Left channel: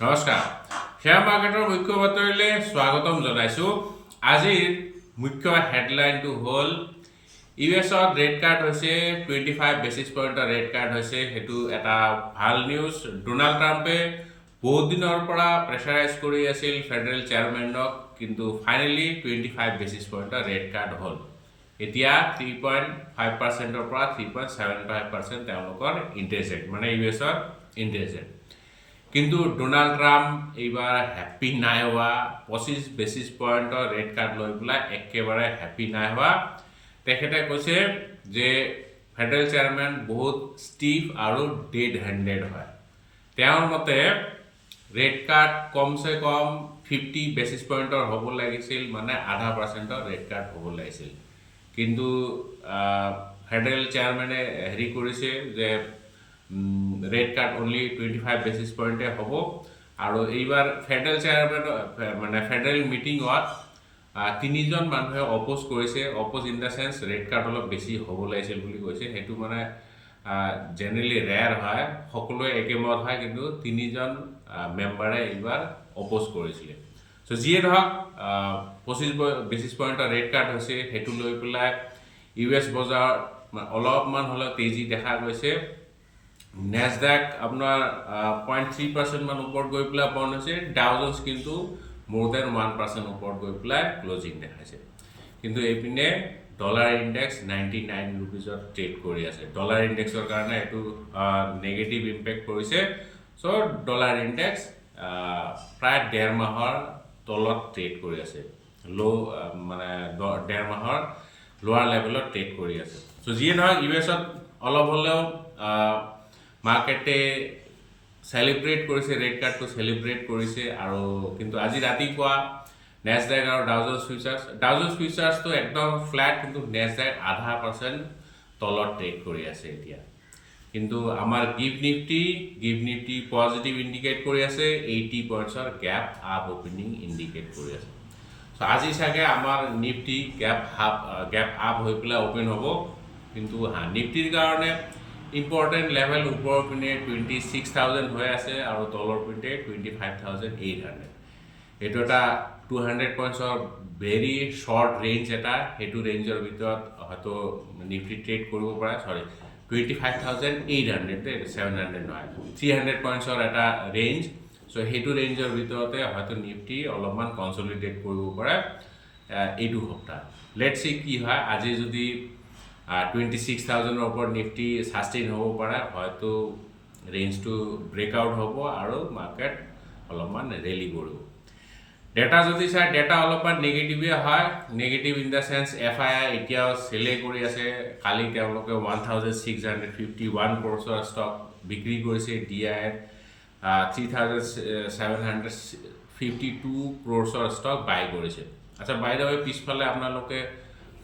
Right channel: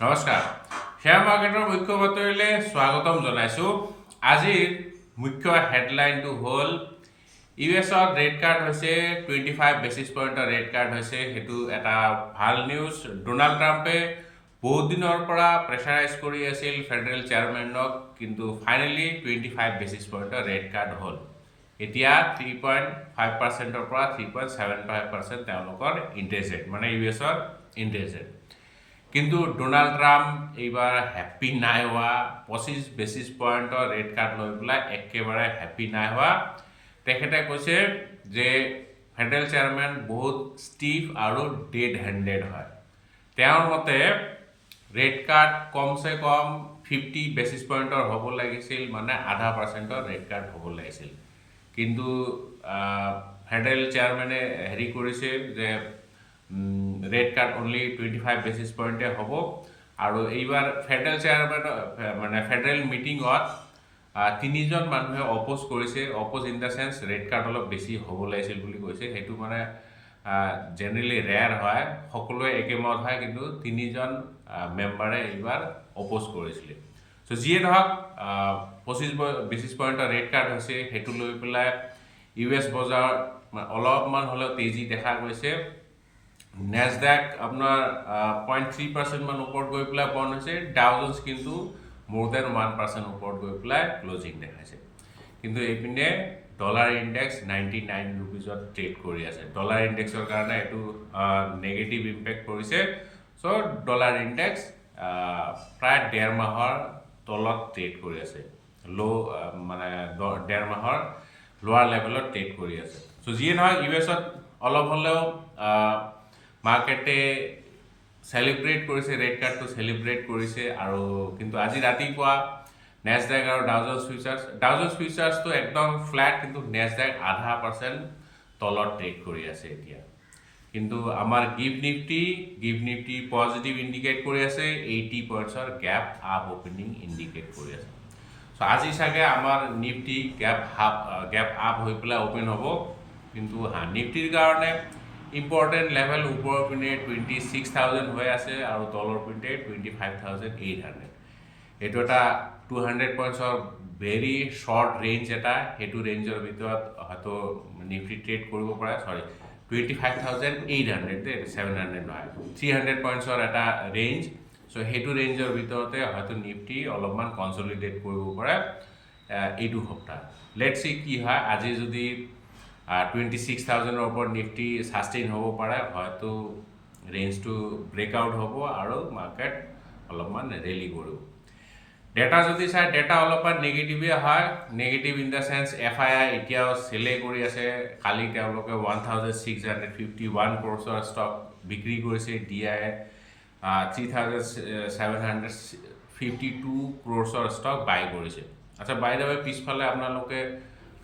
নমস্কাৰ শ্বেয়াৰ মাৰ্কেটৰ মুখ্য বাতৰিলৈ স্বাগতম জনাইছো আজিৰ মুখ্য হেডলাইনটো হ'ল ইউএছত ৰেড কাৰ্ড হৈছে 25 বেচিছ পইণ্টৰ ৰেড কাৰ্ড হৈছে হেতু এটা ভাল নিউজ ডোনাল্ড ট্ৰাম্পে বহুত দিনৰ পৰা প্ৰেছাৰাইজ কৰি আছিল ফেডাৰেল চেয়াৰমেনক কিন্তু ফাইনেলি 25 বেচিছ পইণ্টৰ ৰেড কাৰ্ড হ'ল এতিয়া 3.5%ৰ পৰা 3.75% তেওঁলোকৰ ইন্টাৰেষ্ট ৰেট মানে ইউএছৰ ইন্টাৰেষ্ট ৰেট কিন্তু ডোনাল্ড ট্ৰাম্প এইবাৰ হ্যাপি নাই হোৱা 25 বেচিছ পইণ্টৰ ৰেড কাৰ্ড লৈ পেলাই একেবাৰে হ্যাপি নাই হোৱা তেখেতে কৈছে যে ফেডাৰেল চেয়াৰমেন বহুত ষ্টিফ আৰু ডেড হেণ্ডেড হয় তেওঁৰ মতে ৰেড কাৰ্ড কমসে কম 50 বেচিছ পইণ্টৰ হ'ব লাগিছিল মানে 0.5% ৰেড কাৰ্ড হ'ব লাগিছিল কিন্তু ফেডাৰেল চেয়াৰমেনে হেৰি কৰিছে যে ৰেড কাৰ্ড অনলি 25 বেচিছ পইণ্টে হ'ব আৰু এইবাৰ ফেডাৰেল চেয়াৰমেন মানে ফেডাৰেল মিটিঙত তিনিজন মানুহে অপোজ কৰিছে oppose in the sense red card অলপ বেছি হ'ব লাগিছিল বুলি কৈছে হেতু মানে জেনেৰেলি ৰেয়াৰ হয় সকলোৱে একেমত হয় কিন্তু তিনিজন মেম্বাৰে এইবাৰ অপোজ কৰিছিলে সো যিয়ে ধৰক 25 বেচিছ পইণ্টৰ ৰেড কাৰ্ড হৈছে হেতু লৈ পেলাই ইউএছ বজাৰ অলপমান হ'লেও তেজি দেখা গৈছে নেসডাক আপনার 0.3% মান উপর গৈ পেলাই বন্ধ হয়েছে ডাউ জোন্স কিন্তু মোর দেন 1% উপর গৈ পেলাই ক্লোজিং দেখাইছে কিন্তু এইপিনে ডলার ইন্ডেক্স 99 রুপিজত ট্রেড কৰি আছে ডলাৰ ইন্ডেক্সৰ কাৰণে এটো নেগেটিভ ইম্পেক্ট কৰিছে সো ডলাৰ ইন্ডেক্স প্ৰায় 1.5 মাহৰ তলত ট্ৰেড কৰি আছে লো মানে 1.5 মাহৰ লোৱাৰ লেভেলত ট্ৰেড কৰি আছে সো যিয়ে নহয় ইউএছত অলপ হলেও মাৰ্কেটে সেলিব্ৰেট কৰিছে ৰেড কাৰ্ডটো সেলিব্ৰেট কৰিছে আৰু কিন্তু আজি ৰাতিপুৱা নেসডাক আৰু ডাউ জোন্স ফিউচাৰ্সটো একদম ফ্ল্যাট কিন্তু নেসডাক 0.5% তলত ট্ৰেড কৰি আছে এতিয়া কিন্তু আমাৰ গিভ নিফটি পজিটিভ ইন্ডিকেট কৰি আছে 80 পইণ্টছৰ গ্যাপ আপ ওপেনিং ইন্ডিকেট কৰি আছে সো আজি সাগে আমাৰ নিফটি গ্যাপ আপ হৈ পেলাই ওপেন হ'ব কিন্তু নিফটিৰ কাৰণে ইম্পৰ্টেন্ট লেভেল ওপৰ পিনে 26,000 হৈ আছে আৰু তলৰ পিনে 25,800 এটো এটা 200 পইণ্টছৰ ভেৰি শৰ্ট ৰেঞ্জ এটা হেতু ৰেঞ্জৰ ভিতৰত হয়তো নিফটি ট্ৰেড কৰিব পাৰে সৰি 25,800 700 নহয় 300 পইণ্টছৰ এটা ৰেঞ্জ সো হেতু ৰেঞ্জৰ ভিতৰতে হয়তো নিফটি অলপমান কনসলিডেট কৰিব পাৰে এইটো সপ্তাহ লেটস সি কি হয় আজি যদি 26,000 ওপৰ নিফটি সাস্টেইন হ'ব পাৰে হয়তো ৰেঞ্জটো ব্ৰেকআউট হ'ব আৰু মাৰ্কেট অলপমান ৰেলি কৰিব ডেটা যদি চাই ডেটা অলপমান নেগেটিভে হয় negative in the sense FII এতিয়াও সেলে কৰি আছে কালি তেওঁলোকে 1651 ক্ৰ'ৰৰ ষ্টক বিক্ৰী কৰিছে ডিআই 3752 ক্ৰ'ৰৰ ষ্টক বাই কৰিছে আচ্ছা বাই দ্য ৱে পিছফালে আপোনালোকে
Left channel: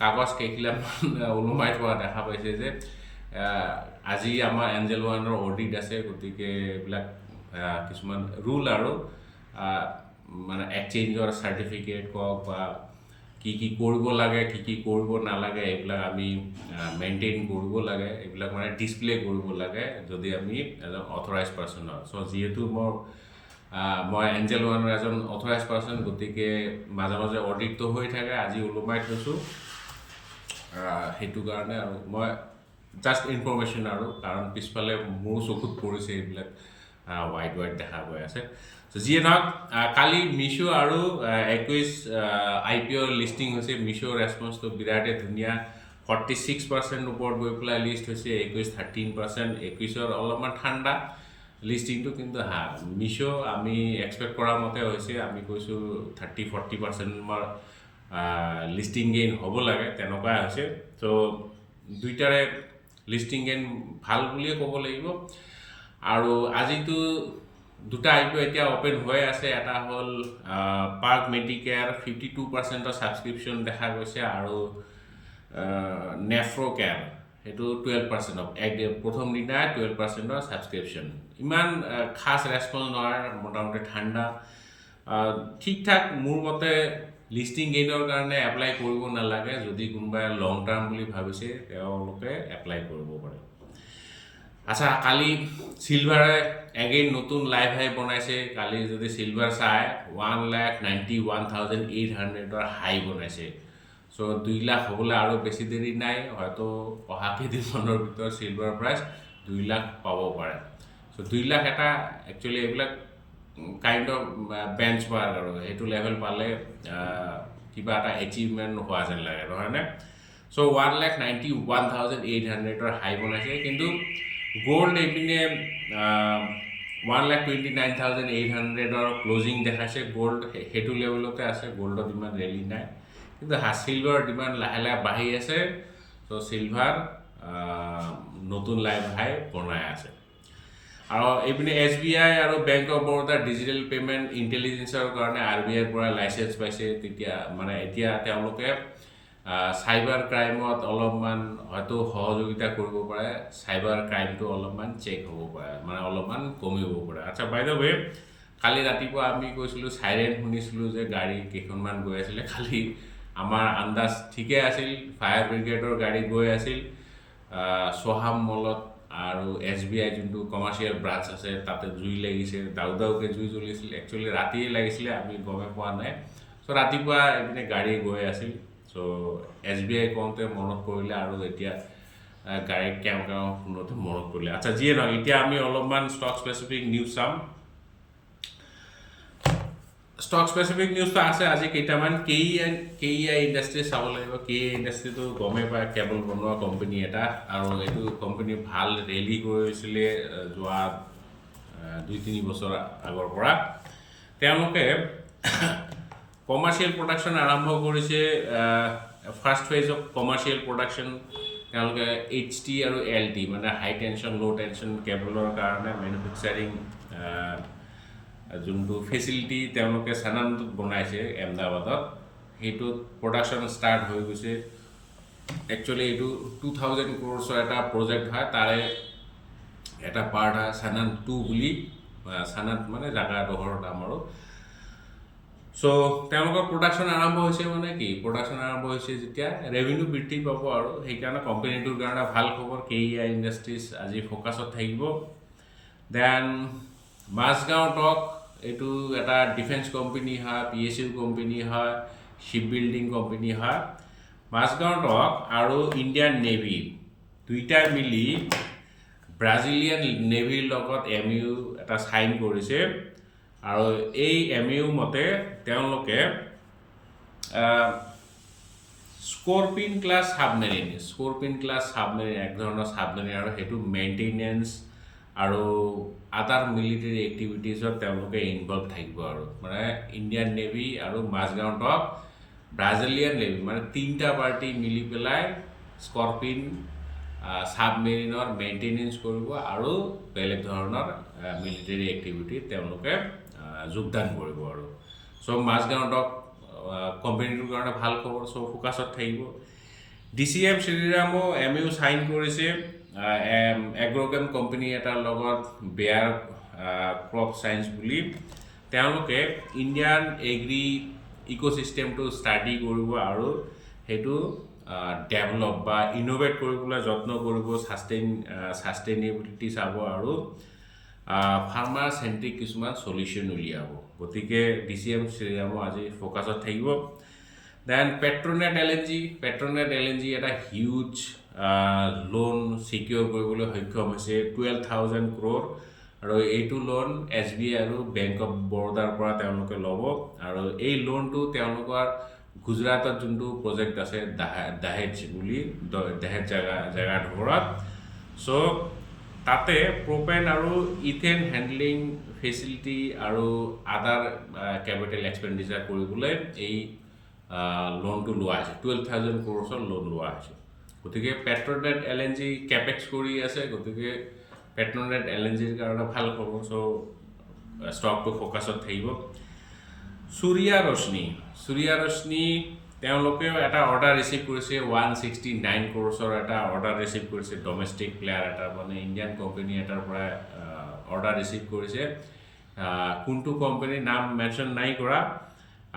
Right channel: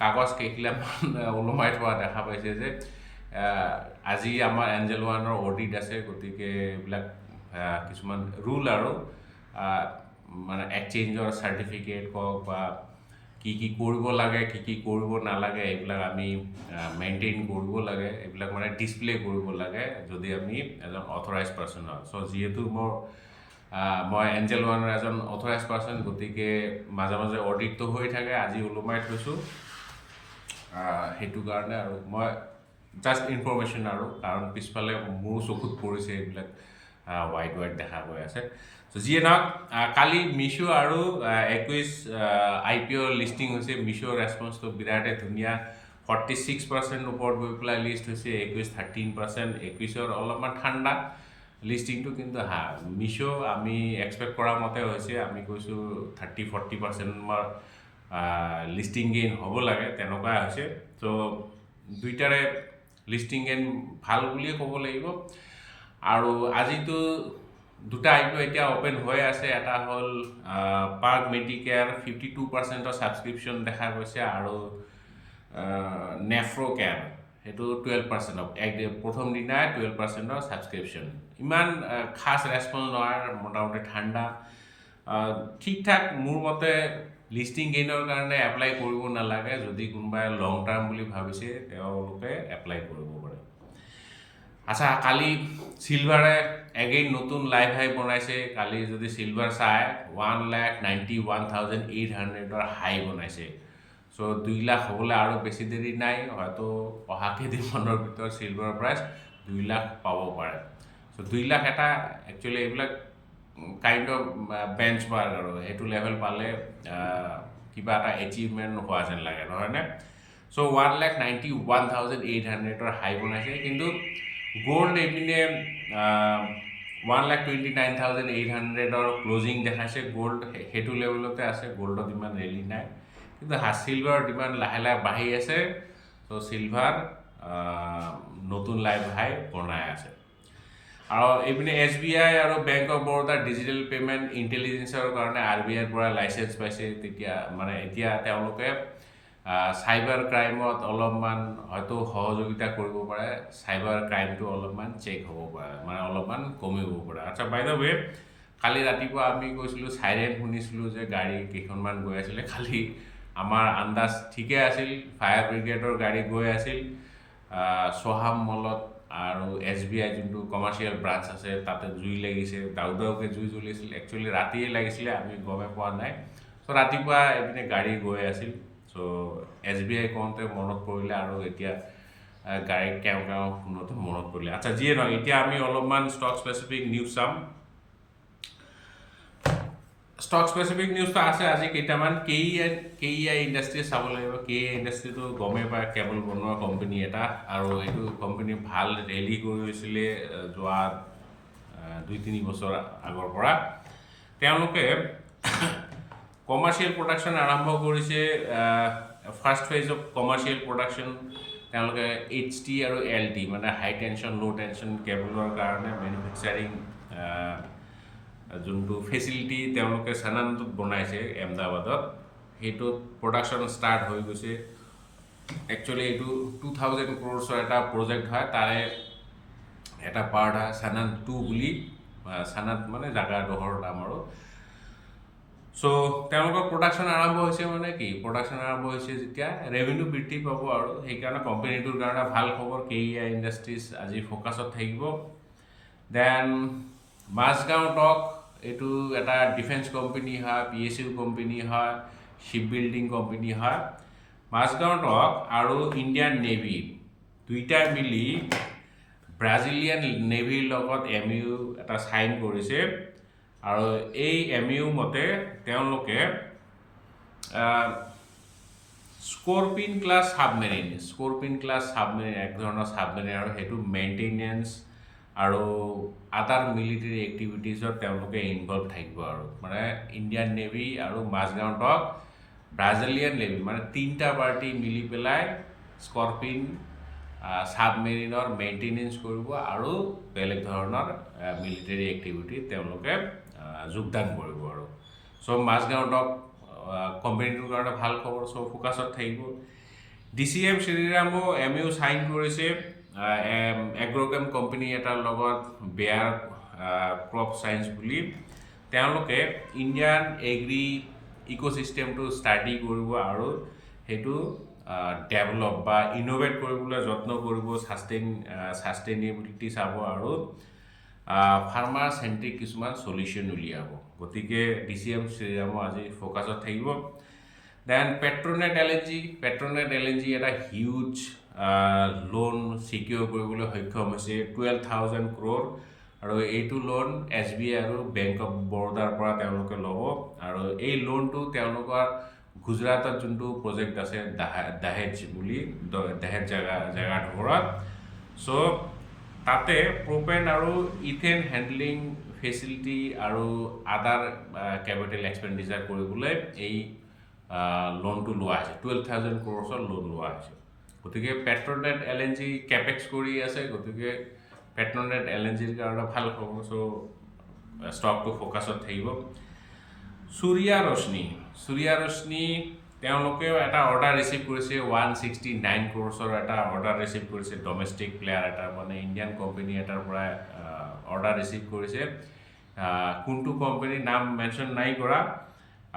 কাগজ কেইখিলামান ওলমাই থোৱা দেখা পাইছে যে আজি আমাৰ এঞ্জেল ওৱানৰ অডিট আছে গতিকে এইবিলাক কিছুমান ৰুল আৰু মানে এক্সচেঞ্জৰ সাৰ্টিফিকেট কক বা কি কৰিব লাগে কি কৰিব নালাগে এইবিলাক আমি মেইনটেইন কৰিব লাগে এইবিলাক মানে ডিসপ্লে কৰিব লাগে যদি আমি এজন অথৰাইজড পাৰ্সন হয় সো যেহেতু মই এঞ্জেল ওৱানৰ এজন অথৰাইজড পাৰ্সন গতিকে মাজে মাজে অডিটটো হৈ থাকে আজি ওলমাই থৈছো হেতু কাৰণে আৰু মই জাস্ট ইনফৰমেশন আৰু কাৰণ পিছফালে মোৰ চকুত পৰিছে এইবিলাক হোৱাইট দেখা গৈ আছে সো যিয়ে নহওক কালি মিশো আৰু 21 আইপিও লিস্টিং হৈছে মিশো ৰেসপন্সটো বিৰাটে ধুনীয়া 46% ওপৰত গৈ পেলাই লিষ্ট হৈছে 13% 21ৰ অলপমান ঠাণ্ডা লিস্টিংটো কিন্তু মিশো আমি এক্সপেক্ট কৰা মতে হৈছে আমি কৈছো 30-40% মৰ লিস্টিং গেইন হ'ব লাগে তেনেকুৱা হৈছে সো দুইটাৰে লিস্টিং গেইন ভাল বুলিয়ে ক'ব লাগিব আৰু আজিতো দুটা আইপিও এতিয়া ওপেন হৈ আছে এটা হ'ল পাৰ্ক মেডিকেয়াৰ 52% সাবস্ক্ৰিপশন দেখা গৈছে আৰু নেফ্ৰো কেয়াৰ হেতু 12% প্ৰথম দিনা 12% সাবস্ক্ৰিপশন ইমান খাস ৰেসপন্স নহয় মোটামুটি ঠাণ্ডা ঠিক ঠাক মোৰ মতে লিস্টিং গেইনৰ কাৰণে এপ্লাই কৰিব নালাগে যদি কোনোবাই লং টাৰ্ম বুলি ভাবিছে তেওঁলোকে এপ্লাই কৰিব পাৰে আচ্ছা কালি সিলভাৰে এগেইন নতুন লাইভ হাই বনাইছে কালি যদি সিলভাৰ চাই 1,91,800 হাই বনাইছে সো 2 লাখ হ'বলৈ আৰু বেছি দেৰি নাই হয়তো অহা কেইদিনমানৰ ভিতৰত সিলভাৰ প্ৰাইচ 2 লাখ পাব পাৰে সো 2 লাখ এটা একচুয়ালি এইবিলাক কাইন্ড অফ বেঞ্চমাৰ্ক আৰু এইটো লেভেল পালে কিবা এটা এচিভমেন্ট হোৱা যেন লাগে নহয় নে সো 1,91,800 হাই বনাইছে কিন্তু গোল্ড এইপিনে 1,29,800 ক্লোজিং দেখাইছে গোল্ড হেতু লেভেলতে আছে গোল্ডত ইমান ৰেলি নাই কিন্তু সিলভাৰ ডিমান্ড লাহে লাহে বাঢ়ি আছে তো সিলভাৰ নতুন লাইভ হাই বনাই আছে আৰু এইপিনে SBI আৰু bank of Baroda digital payment ইন্টেলিজেন্সৰ কাৰণে RBI ৰ পৰা লাইসেন্স পাইছে তেতিয়া মানে এতিয়া তেওঁলোকে সাইবাৰ ক্ৰাইমত অলপমান হয়তো সহযোগিতা কৰিব পাৰে সাইবাৰ ক্ৰাইমটো অলপমান চেক হ'ব পাৰে মানে অলপমান কমিব পাৰে আচ্ছা বাই দ্য ৱে কালি ৰাতিপুৱা আমি কৈছিলো সাইৰেন শুনিছিলো যে গাড়ী কেইখনমান গৈ আছিল খালি আমাৰ আন্দাজ ঠিকে আছিল ফায়াৰ ব্ৰিগেডৰ গাড়ী গৈ আছিল সোহাম মলত আৰু SBI যোনটো কমাৰ্শিয়াল ব্ৰাঞ্চ আছে তাতে জুই লাগিছে দাউদাউকে জুই জ্বলিছিল একচুয়ালি ৰাতিয়ে লাগিছিলে আমি গমে পোৱা নাই সো ৰাতিপুৱা এপিনে গাড়ী গৈ আছিল সো SBI কোনতে মনত পৰিলে আৰু এতিয়া গাড়ী কেও শুনতে মনত পৰিলে আচ্ছা যিয়ে নহয় এতিয়া আমি অলপমান ষ্টক স্পেসিফিক নিউজ চাম ষ্টক স্পেসিফিক নিউজ তো আছে আজি কেইটামান KEI ইন্ডাস্ট্ৰি চাব লাগিব KEI ইন্ডাস্ট্ৰি তো গমে পায় কেবল বনোৱা কোম্পানী এটা আৰু এইটো কোম্পানী ভাল ৰেলি কৰিছিলে যোৱা 2-3 বছৰ আগৰ পৰা তেওঁলোকে কমাৰ্শিয়াল প্ৰডাকশন আৰম্ভ কৰিছে first phase of commercial production তেওঁলোকে HT আৰু LT মানে হাই টেনশন লো টেনশন কেবলৰ কাৰণে ম্যানুফ্যাকচাৰিং যোনটো ফেসিলিটি তেওঁলোকে সানান্তত বনাইছে এমদাবাদত হেতু প্ৰডাকশন স্টাৰ্ট হৈ গৈছে একচুয়ালি এইটো 2000 ক্ৰোৰছৰ এটা প্ৰজেক্ট হয় তাৰে এটা পাৰ্ট হয় সানান্ত 2 বুলি সানাত মানে জাগা ডহৰ নাম আৰু সো তেওঁলোকৰ প্ৰডাকশন আৰম্ভ হৈছে মানে কি প্ৰডাকশন আৰম্ভ হৈছে যেতিয়া ৰেভিনিউ বৃদ্ধি পাব আৰু সেই কাৰণে কোম্পানীটোৰ কাৰণে ভাল খবৰ KEI ইন্ডাস্ট্ৰিজ আজি ফোকাসত থাকিব দেন মাছগাঁও টক এইটো এটা ডিফেন্স কোম্পানী হয় PSU কোম্পানী হয় শিপ বিল্ডিং কোম্পানী হয় মাছগাঁও টক আৰু ইণ্ডিয়ান নেভি দুইটা মিলি ব্ৰাজিলিয়ান নেভিৰ লগত MOU এটা সাইন কৰিছে আৰু এই MOU মতে তেওঁলোকে স্কৰপিন ক্লাছ সাবমেৰিন এক ধৰণৰ সাবমেৰিন আৰু হেতু মেইনটেনেন্স আৰু আদাৰ মিলিটাৰী এক্টিভিটিজত তেওঁলোকে ইনভলভ থাকিব আৰু মানে ইণ্ডিয়ান নেভি আৰু মাছগাঁও টক ব্ৰাজিলিয়ান নেভি মানে তিনটা পাৰ্টি মিলি পেলাই স্কৰপিন সাবমেৰিনৰ মেইনটেনেন্স কৰিব আৰু বেলেগ ধৰণৰ মিলিটাৰী এক্টিভিটি তেওঁলোকে যোগদান কৰিব আৰু সো মাছগাঁও টক কোম্পানীটোৰ কাৰণে ভাল খবৰ সো ফোকাসত থাকিব DCM শ্ৰীৰামো MOU সাইন কৰিছে এগ্ৰোকেম কোম্পানী এটাৰ লগত বেয়াৰ ক্ৰপ সায়েন্স বুলি তেওঁলোকে ইণ্ডিয়ান এগ্ৰি ইকোসিস্টেমটো ষ্টাডি কৰিব আৰু হেতু ডেভেলপ বা ইনোভেট কৰিবলৈ যত্ন কৰিব সাস্টেইনেবিলিটি চাব আৰু ফাৰ্মাৰ সেন্ট্ৰিক কিছুমান সলিউশন উলিয়াব গতিকে DCM শ্ৰীৰামো আজি ফোকাসত থাকিব দেন পেট্ৰোনেট LNG এটা হিউজ লোন সিকিউৰ কৰিবলৈ সক্ষম হৈছে 12,000 crore আৰু এইটো লোন SBI আৰু বেংক অফ বৰোদাৰ পৰা তেওঁলোকে ল'ব আৰু এই লোনটো তেওঁলোকৰ গুজৰাটত যোনটো প্ৰজেক্ট আছে দাহেজ বুলি দাহেজ জাগা ধৰত সো তাতে প্ৰপেন আৰু ইথেন হ্যান্ডলিং ফেসিলিটি আৰু আদাৰ ক্যাপিটাল এক্সপেন্ডিচাৰ কৰিবলৈ এই লোনটো লোৱা হৈছে 12,000 crore লোন লোৱা হৈছে গতিকে পেট্ৰোনেট LNG ক্যাপেক্স কৰি আছে গতিকে পেট্ৰোনেট LNGৰ কাৰণে ভাল খবৰ সো ষ্টকটো ফোকাসত থাকিব সূৰ্যা ৰশ্নি তেওঁলোকে এটা অৰ্ডাৰ ৰিসিভ কৰিছে 169 crore এটা অৰ্ডাৰ ৰিসিভ কৰিছে ডমেষ্টিক প্লেয়াৰ এটা মানে ইণ্ডিয়ান কোম্পানী এটাৰ পৰা অৰ্ডাৰ ৰিসিভ কৰিছে কোনটো কোম্পানীৰ নাম মেনশন নাই কৰা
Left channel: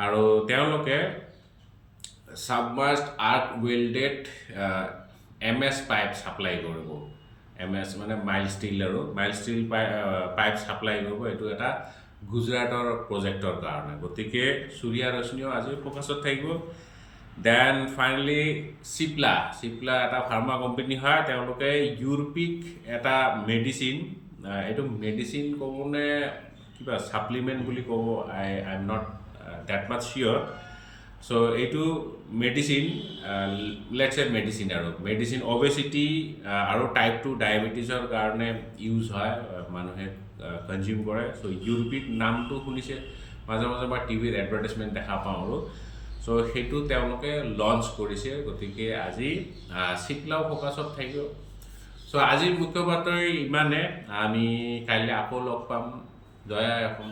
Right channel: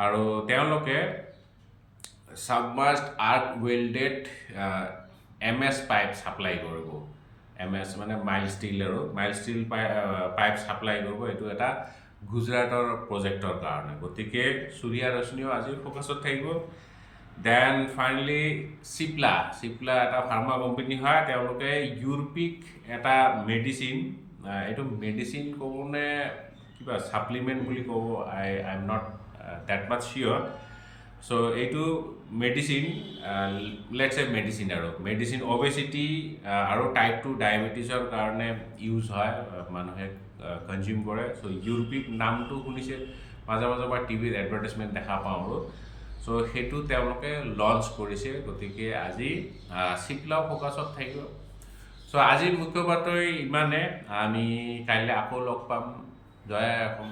আৰু তেওঁলোকে submerged arc welded MS pipe supply কৰিব MS মানে মাইল ষ্টিল আৰু মাইল ষ্টিল পাইপ সাপ্লাই কৰিব এইটো এটা গুজৰাটৰ প্ৰজেক্টৰ কাৰণে গতিকে সূৰ্য ৰশ্মিও আজি ফোকাছত থাকিব দেন ফাইনালি চিপলা এটা ফাৰ্মা কোম্পানী হয় তেওঁলোকে ইউৰোপিক এটা মেডিচিন এইটো মেডিচিন ক'বনে কিবা সাপ্লিমেন্ট বুলি ক'ব I am not that much sure so এইটো মেডিচিন লেটস এ মেডিচিন আৰু মেডিচিন অবেচিটি আৰু টাইপ 2 ডায়াবেটিছৰ কাৰণে ইউজ হয় মানুহে কনজিউম কৰে সো ইউৰোপিক নামটো শুনিছে মাজে মাজে মই টিভিৰ এডভাৰটাইজমেণ্ট দেখা পাওঁ আৰু সো সেইটো তেওঁলোকে লঞ্চ কৰিছে গতিকে আজি চিপলাও ফোকাছত থাকিব সো আজি মুখ্য বাতৰি ইমানে আমি কাইলৈ আকৌ লগ পাম জয় অসম